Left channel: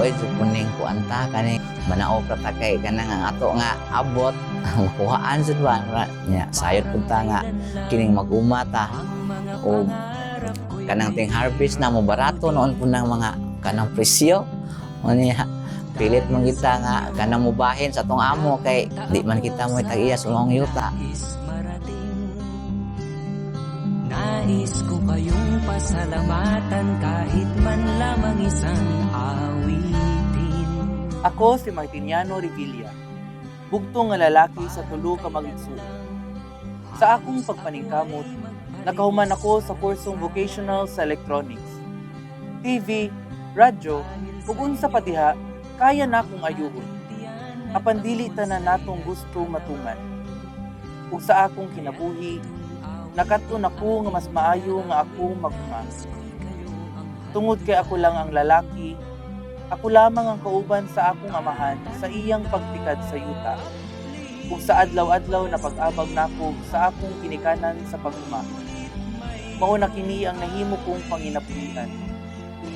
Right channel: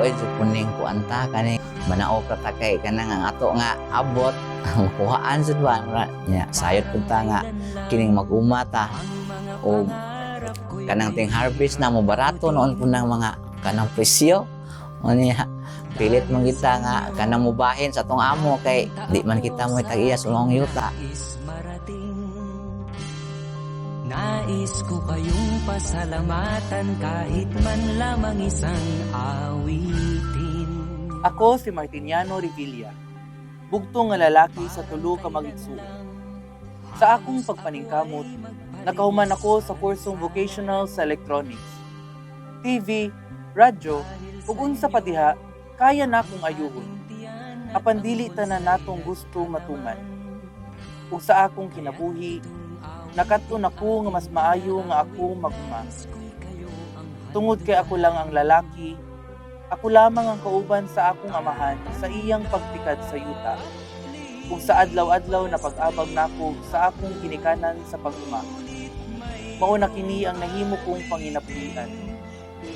tuoy sa kuning kuanta kani manao ka kay kanang ang ato nga abot makuhaan sa ba nya sayod punta nga kining mag-umata o kanang ting harvest na mo barato noon po ng mga kanang presyo o niya pilit man kita nga kanang mubahin sa tong amo kay di man kita mo tag-iya sa mga yuta. Nais ko kayong pasalamatan kahit man lamang isang awitin. Ako si Martiniano Revilla, bugtong nga lalaki sa tulo ka mag-igsuon. Sa akong pagpaningkamot, nakahuman ako sa kursong vocational sa electronics. TV, radyo, ug unsa pa diha, kaya na akong ayuhon. Apan dili tanan natong gusto matuman. Ug sa akong kinabuhi, nakaton ako nga mas maayo nga ako maguma. Tungod kay ako lang ang lalaki, ako lamang ang kauban sa akong amahan sa iyang pagtikad sa yuta. Ug sa adlaw-adlaw na pag-abag nako sa akong ginikanan sa paguma. Mao na kini ang nahimo kong panginabuhian.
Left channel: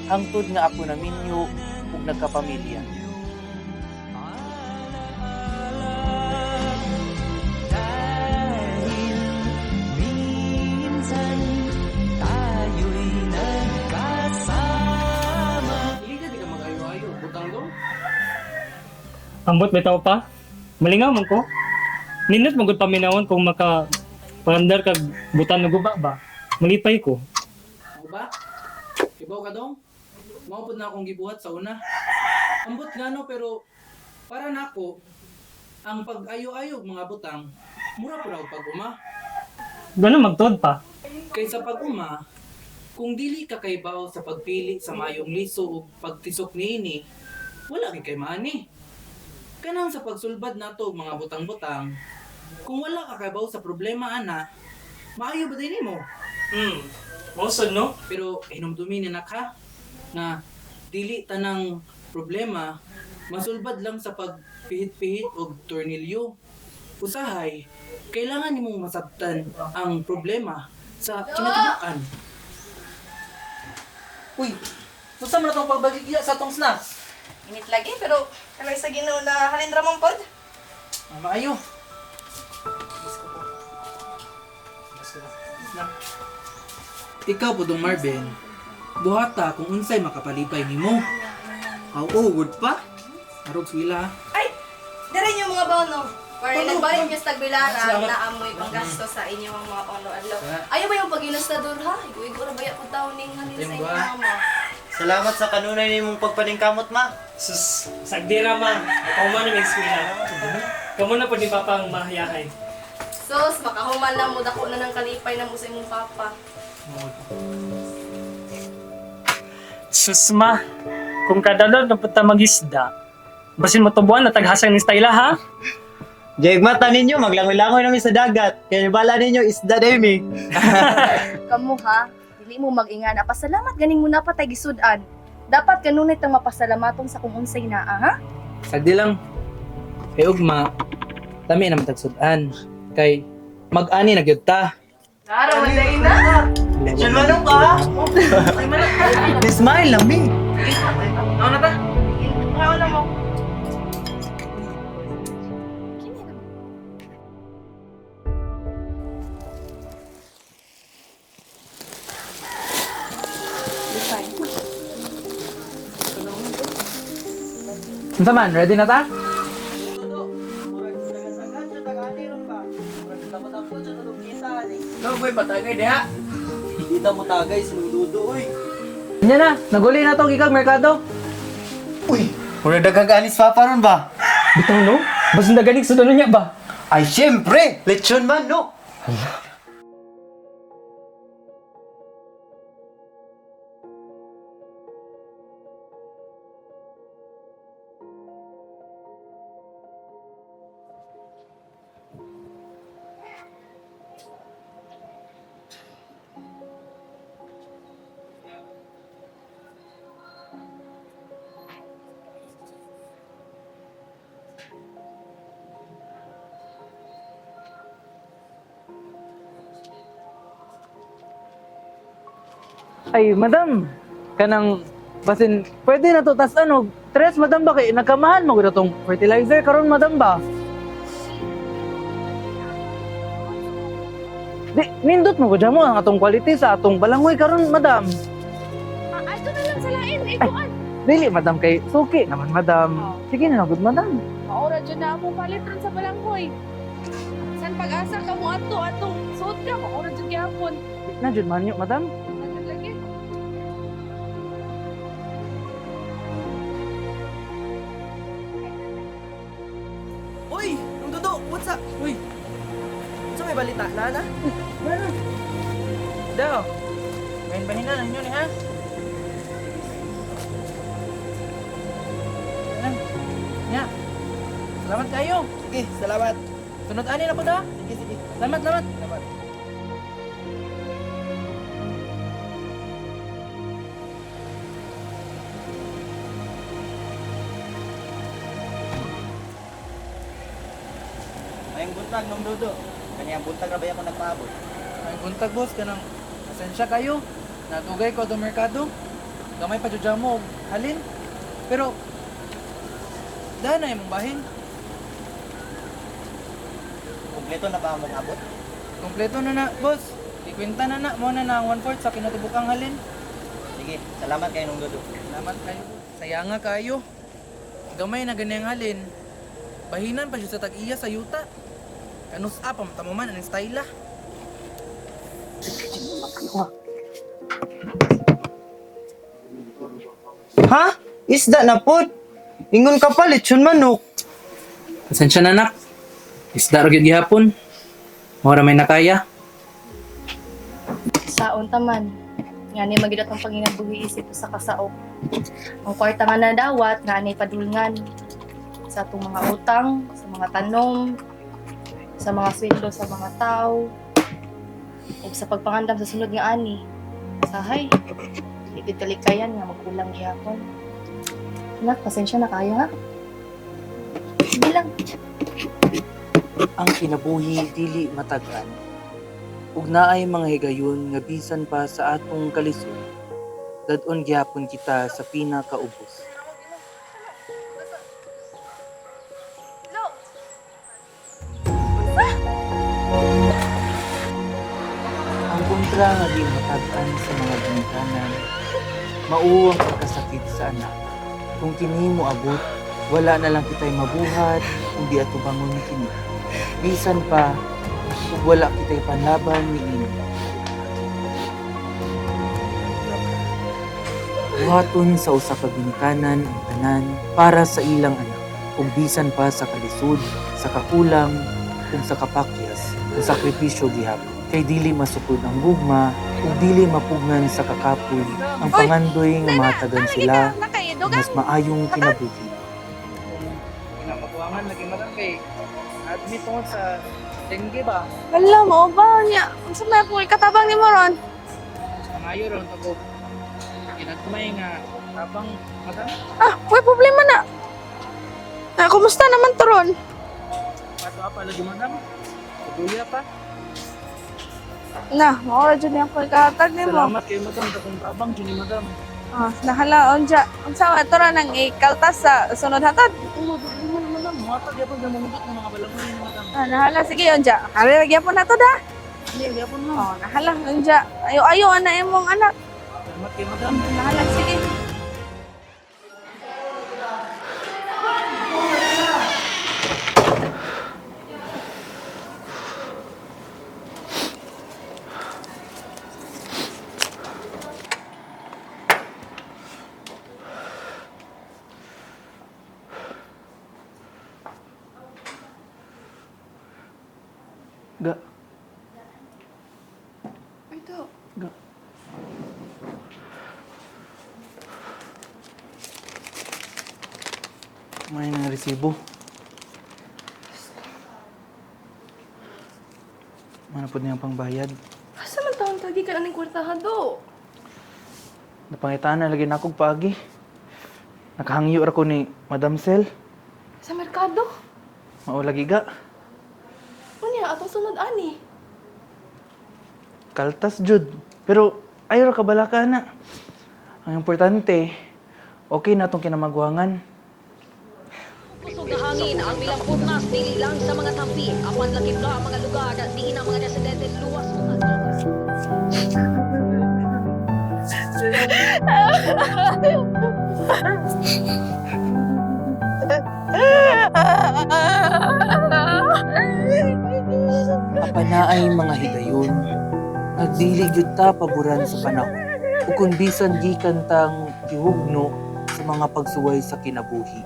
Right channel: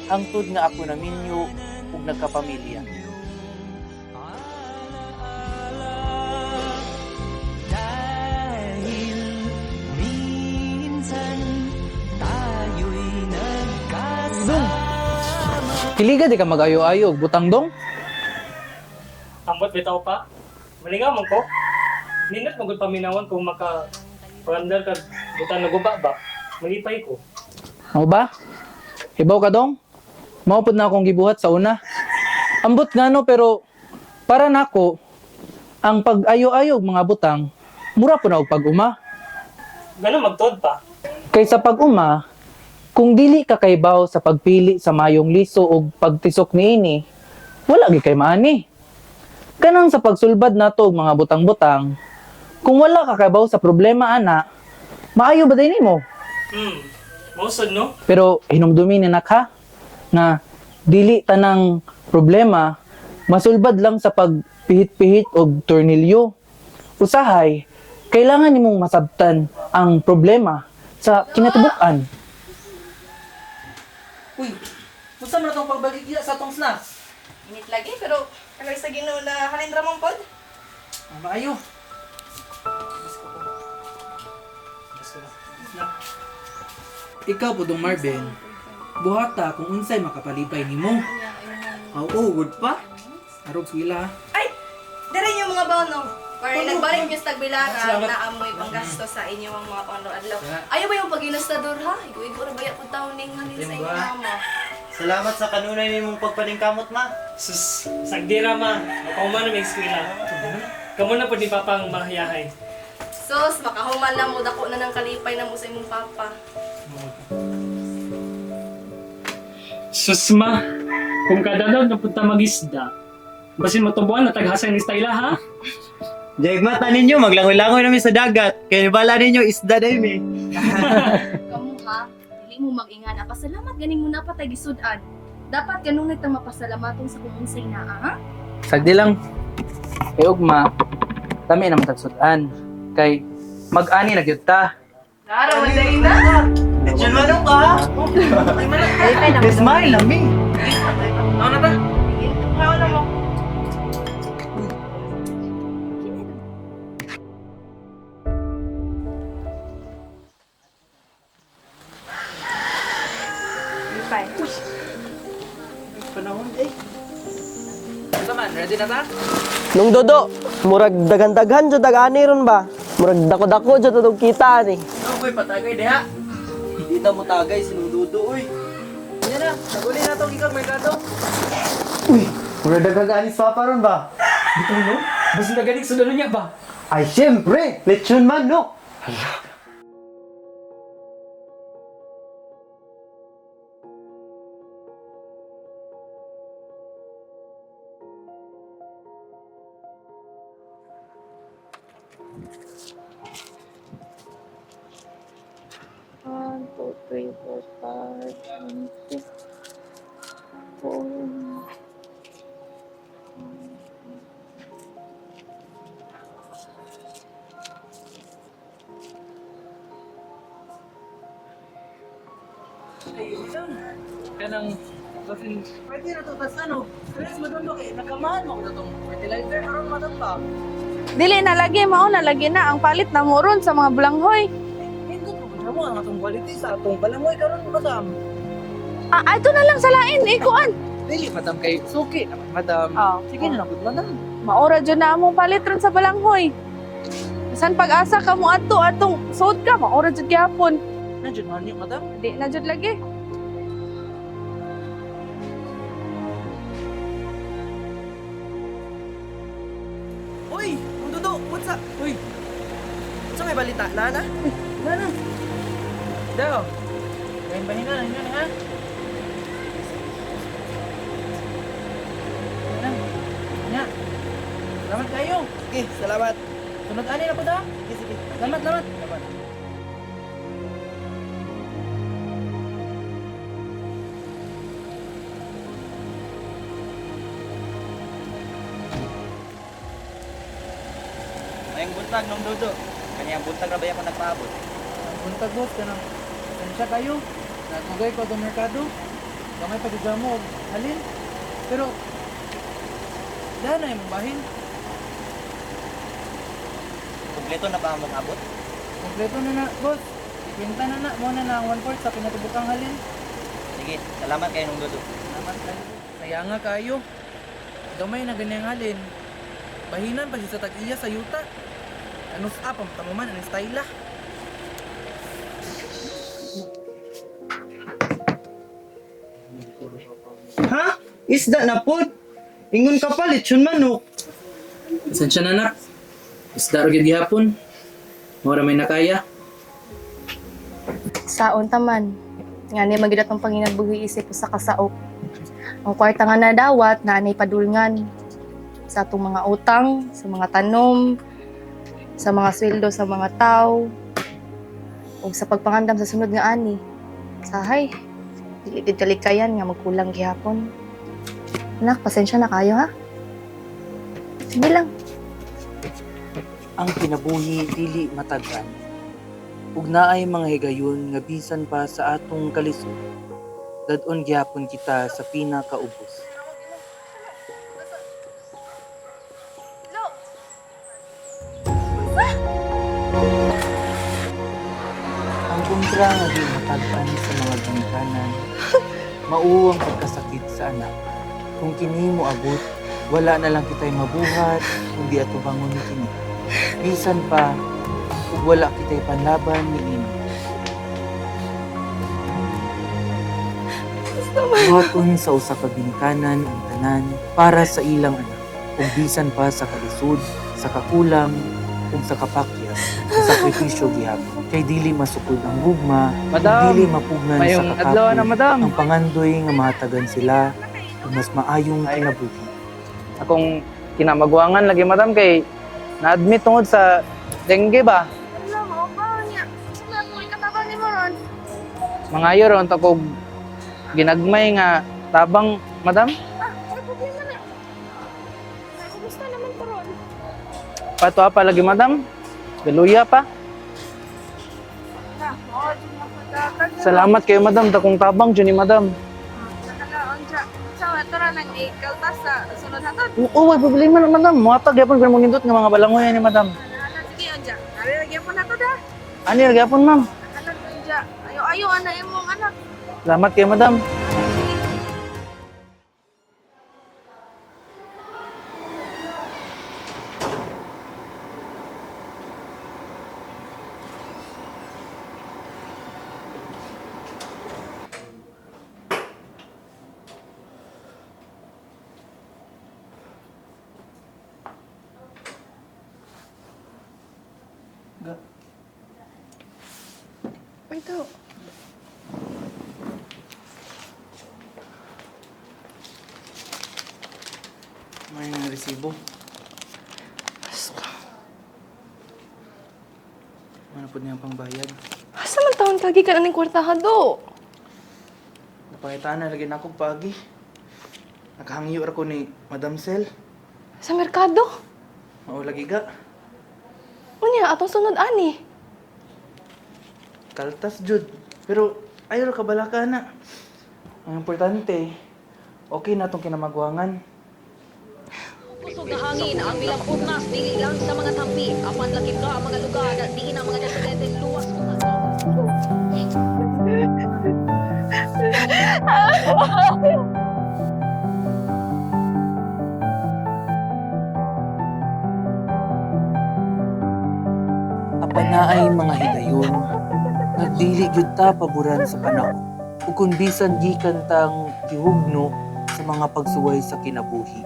Hangtod nga ako naminyo ug nagkapamilya. Dahil minsan tayo'y nagkasama. Kiliga di ka mag-ayo-ayo, butang dong. Ambot bitaw pa. Malingaw man ko. Ninot magud paminawon kung maka palandar kag butan ng guba ba. Malipay ko. Ano ba? Ibaw ka dong? Maupod na akong gibuhat sa una. Ambot nga no, pero para nako ang pag-ayo-ayo mga butang, mura po na og pag-uma. Ganun magtod pa. Kaysa pag-uma, kung dili ka kaybaw sa pagpili sa mayong liso o pagtisok niini, wala gi kay maani. Kanang sa pagsulbad nato og mga butang-butang, kung wala ka kaybaw sa problema ana, maayo ba din nimo? Mausod no? Pero hinumdumi ni nakha na dili tanang problema masulbad lang sa pagpihit-pihit og tornilyo. Usahay, kailangan nimong masabtan ang problema sa kinatubukan. Uy, unsa man atong pagbaligya sa atong snacks? Init lagi, pero kalay sa Ginoo na halin ramong pod. Ang maayo. Ikaw po dong Marvin, buhata kung unsay makapalipay nimo. Good pa? Arog sila. Ay, dire niyo mga bono. Or nagbalik niyo sa Tagbilaran Salamat. na amoy panggasto sa inyong mga panglo-adlaw. Ayaw ba yung pag-inastador ha? Igo-igo na baya po taon ning halin sa Timba. inyong ama. Salamat sa kanunay nimong pagpaningkamot, ma. Sus, sagdira ma. Makauman na may eskwela. Kamu na po ni Papa ang mahayahay. Sus, makahuman na mo, dako na ng kalipay na mo sa imong papa. Sus ma, kung kadalon na punta mag-isda, basin mo tubuan na taghasan ni Styla ha? Jayag mata ninyo, maglangoy-langoy namin sa dagat. Kaya bala ninyo, isda demi. Kamu ha, dili mo mag-ingana. Pasalamat ganing mo napatay gisudan. Dapat kanunay tang mapasalamatong sa kung unsay naa, ha? Sagdi lang. Ugma, kami naman tagsutan. Kay mag-ani na gyud ta. Nara, maday na! Lechon manok ka! Smile lami. Ano na ta? Ngayon na mo. Unsa man, ready na ta? Nung dodo, murag dagan-daghan jud dagani ron ba? Murag dako-dako jud tudog kita ni. Nagoy patagay deha. Hindi ta mo tagay sinududo, uy. Nya na, naguli na to gikag merkado. Uy, mura dagaganis papa ron ba? Bitaw no? Basin na galing sa niya ba? Ay, syempre! Lechon manok! Ay, madam, kanang Basin, pwede na to. Tas ano, stress, madam ba? Kay nagkamahan mo ko na tong fertilizer karon madam ba? Dili na lagi, mao na lagi na ang palit na mo ron sa mga bulanghoy. Di, nindot mo ko dyan mo ang atong quality sa atong balangoy karon madam. Ito na lang sa lain, kuan. Dili, madam, kay suki naman, madam. Sige na, good, madam. Maora dyan na among palit ron sa bulanghoy. San pag-asa ka mo atong sod ka, maora dyan gyapon. Na, dyan man yun, madam. Di na dyan lagi. Uy, Nung Dudo, what's up? Uy, Sa may balita na na? ano? Daw. Bahin-bahin na, yun, ha? Ano? Nya. Salamat kayo. Sige, salamat. Sunod ani na po da. Sige, sige. Salamat, salamat. Salamat. Mayang buntag nung Dudo. Kanyang buntag na ba ako nagpaabot? Ay, buntag boss, kanang pasensya kayo. Natugay ko itong merkado. Gamay pa dyan mo, halin. Pero, dahil na yung bahin. Kumpleto na ba ang abot? Kompleto na na, boss. Ikwenta na na, mo na na ang 1/4 sa kinatubukang halin. Sige, salamat kayo nung Dudo. Salamat kayo. Sayanga kayo. Gamay na ganyang halin. Bahinan pa siya sa tag-iya sa yuta. Kanus up, ang tamaman, ang style ah. Ha? Isda na pod. Ingon ka pa, lechon manok. Pasensya na nak. Isda rin gihapon. Mora may nakaya. Saon taman. Nga ni magidat ang panginabuhi isip sa kasaok. Ang kwarta nga nadawat nga ni padulngan sa atong mga utang, sa mga tanom, sa mga sweldo sa mga tao, o sa pagpangandam sa sunod nga ani. Sahay, dili gid kalikayan nga magkulang gihapon. Anak, pasensya na kayo ha. Hindi lang. Ang kinabuhi dili matagan. Ug naay mga higayon nga bisan pa sa atong kalisod. Dadon gyapon kita sa pinakaubos. Ang kontra nga di matag-an sa mga ginikanan, mao ang pagkasakit sa anak. Kung kini mo abot, wala na lang kita'y mabuhat, kundi atubangon kini. Bisan pa, ug wala kita'y panlaban ni ini. Buhaton sa usa ka ginikanan ang tanan para sa ilang anak, ug bisan pa sa kalisod, sa kakulang, ug sa kapakyas, ang sakripisyo gihapon. Kay dili masukod ang gugma, ug Madam, dili mapugnan sa mayong adlaw kakapoy, na, madam. ang pangandoy nga mahatagan sila ug mas maayong kinabuhi. Akong kinamagwangan lagi madam kay na-admit tungod sa dengue ba? Hala, mao ba niya? Sa may po katabang ni mo ron. Mga ron takog ginagmay nga tabang madam. May problema na. Kumusta naman to ron? Pato pa lagi madam. Galuya pa. Na, maora dyan niya ako ikahatag ni mo. Salamat kayo madam takong tabang dyan ni madam. Nahala, onja. Unsa ito ra nang ikaltas sa sunod hatad? Oo, may problema na madam. Muatag yapon ko mong hindot nga mga balangoy ni madam. Nahala, sige, onja. Hari lagi po na to da. Ani lagi yapon ma'am. Nahala, onja. Ayo-ayo, ana imong anak. Salamat kayo madam. Nahala, sige. Ga, Ito. may resibo. Ano po niyang pangbayad? Asa man taon tagi ka aning kwartahan do? Napangitaan na lagi na akong pagi. Nakahangyo ra ko ni Madam Sel. Sa merkado? Mao lagi ga. Unya, atong sunod ani. Kaltas jud. Pero ayaw ra kabalaka na. Ang importante, Okay na itong kinamagwangan. Pusog na hangin ang milampugnas dili lang sa mga tampi. Apan lakip na ang mga lugar at diin ang mga residente luwas utang. Apanaay mga higayon, nagdili jud ta paboran sa panahon. Ug kun bisan gikan tang gihugno sa mga pagsuway sa kinabuhi.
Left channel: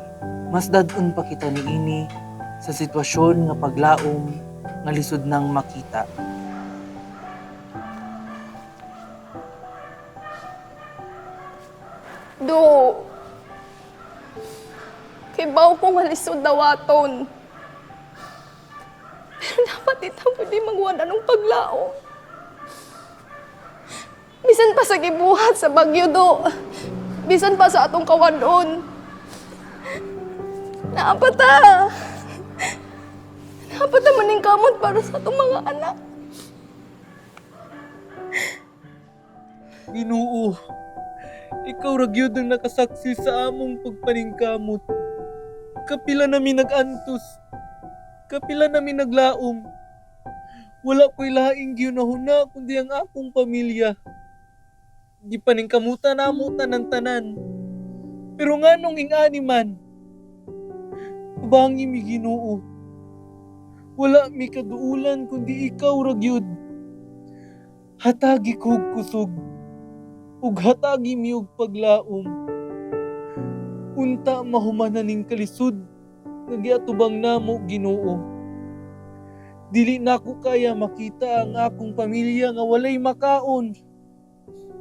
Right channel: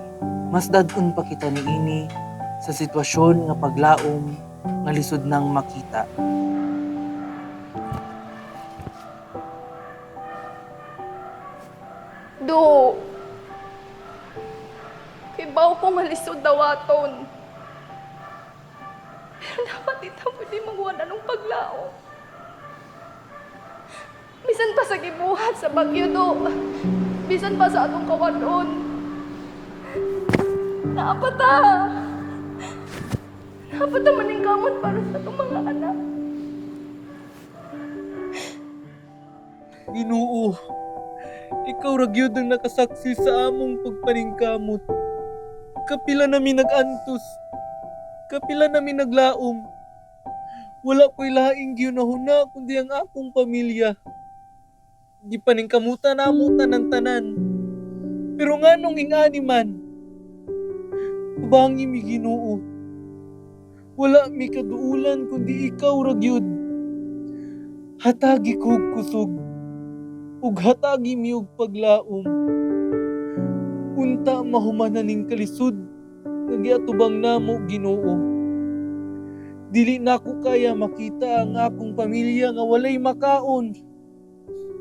Mas dad-un pa kita niini sa sitwasyon nga paglaom nga lisod nang makita. Do. Kay baw ko nga lisod dawaton. Pero dapat ito pwede magwala ng paglao. Bisan pa sa gibuhat sa Bagyo, Do. Bisan pa sa atong kawadon. Naapata. Naapata maning kamot para sa atong mga anak. Ginoo, ikaw ra gyud ang nakasaksi sa among pagpaningkamot. Kapila nami nag-antos. Kapila nami naglaom. Wala ko'y laing giyunahuna kundi ang akong pamilya. Di paningkamutan namo tanan-tanan. Pero nganong ingani man, ubangi mi Ginoo. Wala mi kaduulan kundi ikaw ra gyud. Hatagi kog kusog. Ug hatagi mi og paglaom. Unta mahumanan ning kalisod nga giatubang namo Ginoo. Dili na ko kaya makita ang akong pamilya nga walay makaon.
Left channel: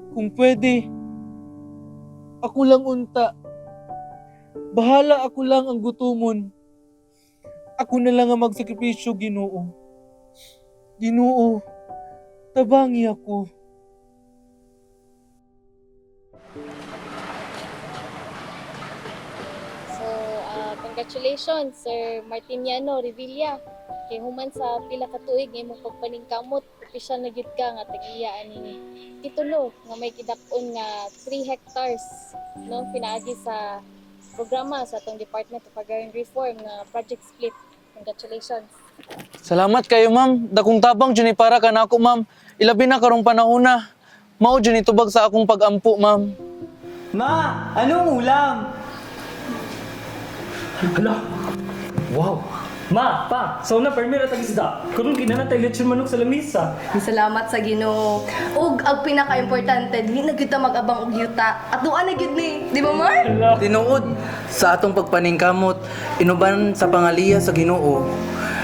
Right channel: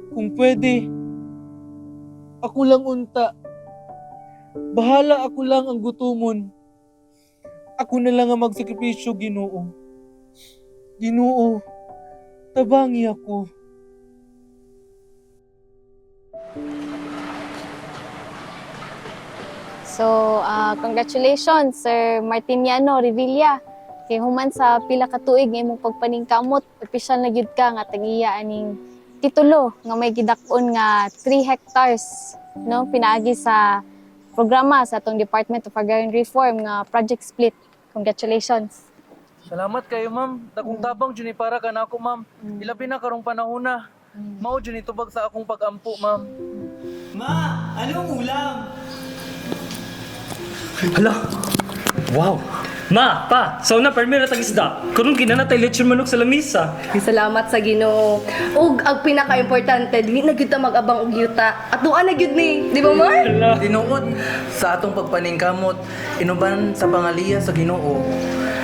Kung pwede, ako lang unta. Bahala ako lang ang gutumon. Ako na lang ang magsakripisyo, Ginoo. Ginoo, tabangi ako. So, congratulations, Sir Martiniano Revilla. Kay human sa pila ka tuig nga imong pagpaningkamot, opisyal na gyud ka nga tagiya aning titulo nga may gidakon nga 3 hectares, no, pinaagi sa programa sa atong Department of Agrarian Reform nga Project Split. Congratulations. Salamat kayo, ma'am. Dakong tabang dyan para ka na ako, ma'am. Ilabi na karong panahon na. Mao dyan itubag sa akong pag-ampo, ma'am. Ma, anong ulam? Wow! Ma, pa, so na permira tag isda. Karon ginanatay lechon manok sa lamisa. Salamat sa Ginoo. Ug ang pinaka-importante, dili na gyud ta mag-abang og yuta. At duan na gyud ni, di ba, Mar? Tinuod sa atong pagpaningkamot, inuban sa pangaliya sa Ginoo.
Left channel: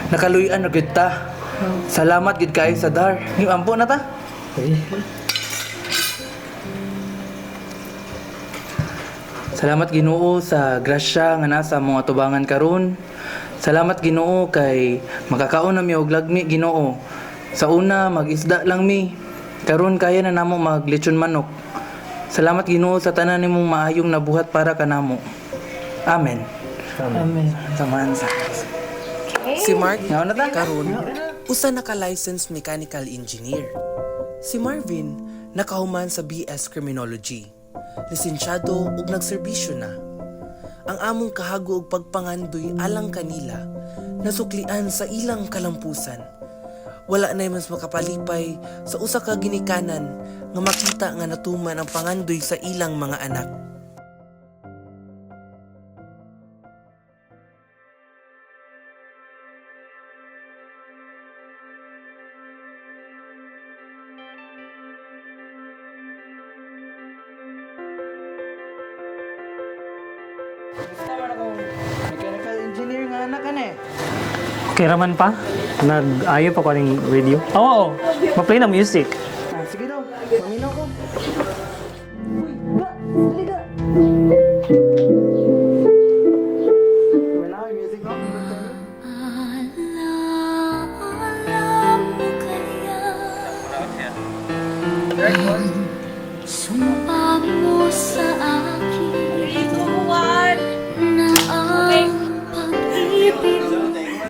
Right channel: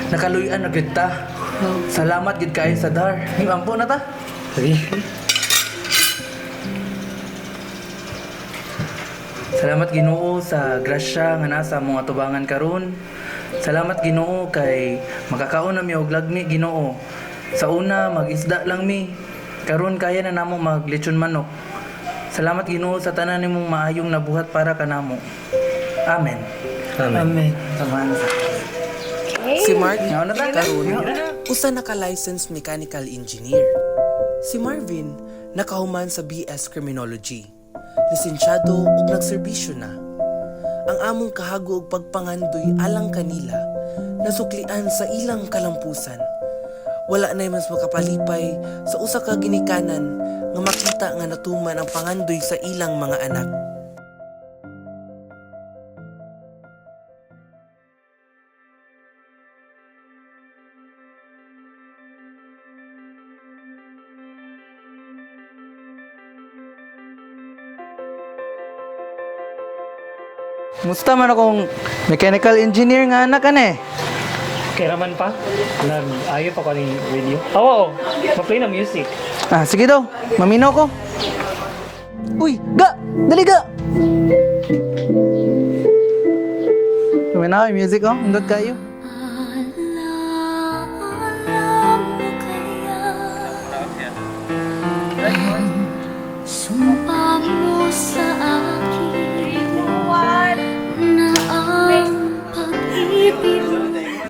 Nakaluyan na gyud ta. Salamat gid kay sa dar. Ni ampo na ta. Salamat Ginoo sa grasya nga nasa mga tubangan karon. Salamat Ginoo kay makakaon na mi og lagmi Ginoo. Sa una mag-isda lang mi. Karon kaya na namo maglechon manok. Salamat Ginoo sa tanan nimong maayong nabuhat para kanamo. Amen. Amen. Samahan sa. Si Mark karon usa naka-licensed mechanical engineer. Si Marvin nakahuman sa BS Criminology. Lisensyado ug nagserbisyo na. Ang among kahago ug pagpangandoy alang kanila nasuklian sa ilang kalampusan. Wala na mas makapalipay sa usa ka ginikanan nga makita nga natuman ang pangandoy sa ilang mga anak. Musta man akong mechanical engineer nga anak ane? Kay raman pa, nag-ayo pa ko ning radio. Oo, ma-play na music. Ah, sige daw. Maminaw ko. Uy, ga! Dali ga! Maminaw yung music oh. Hindot kayo.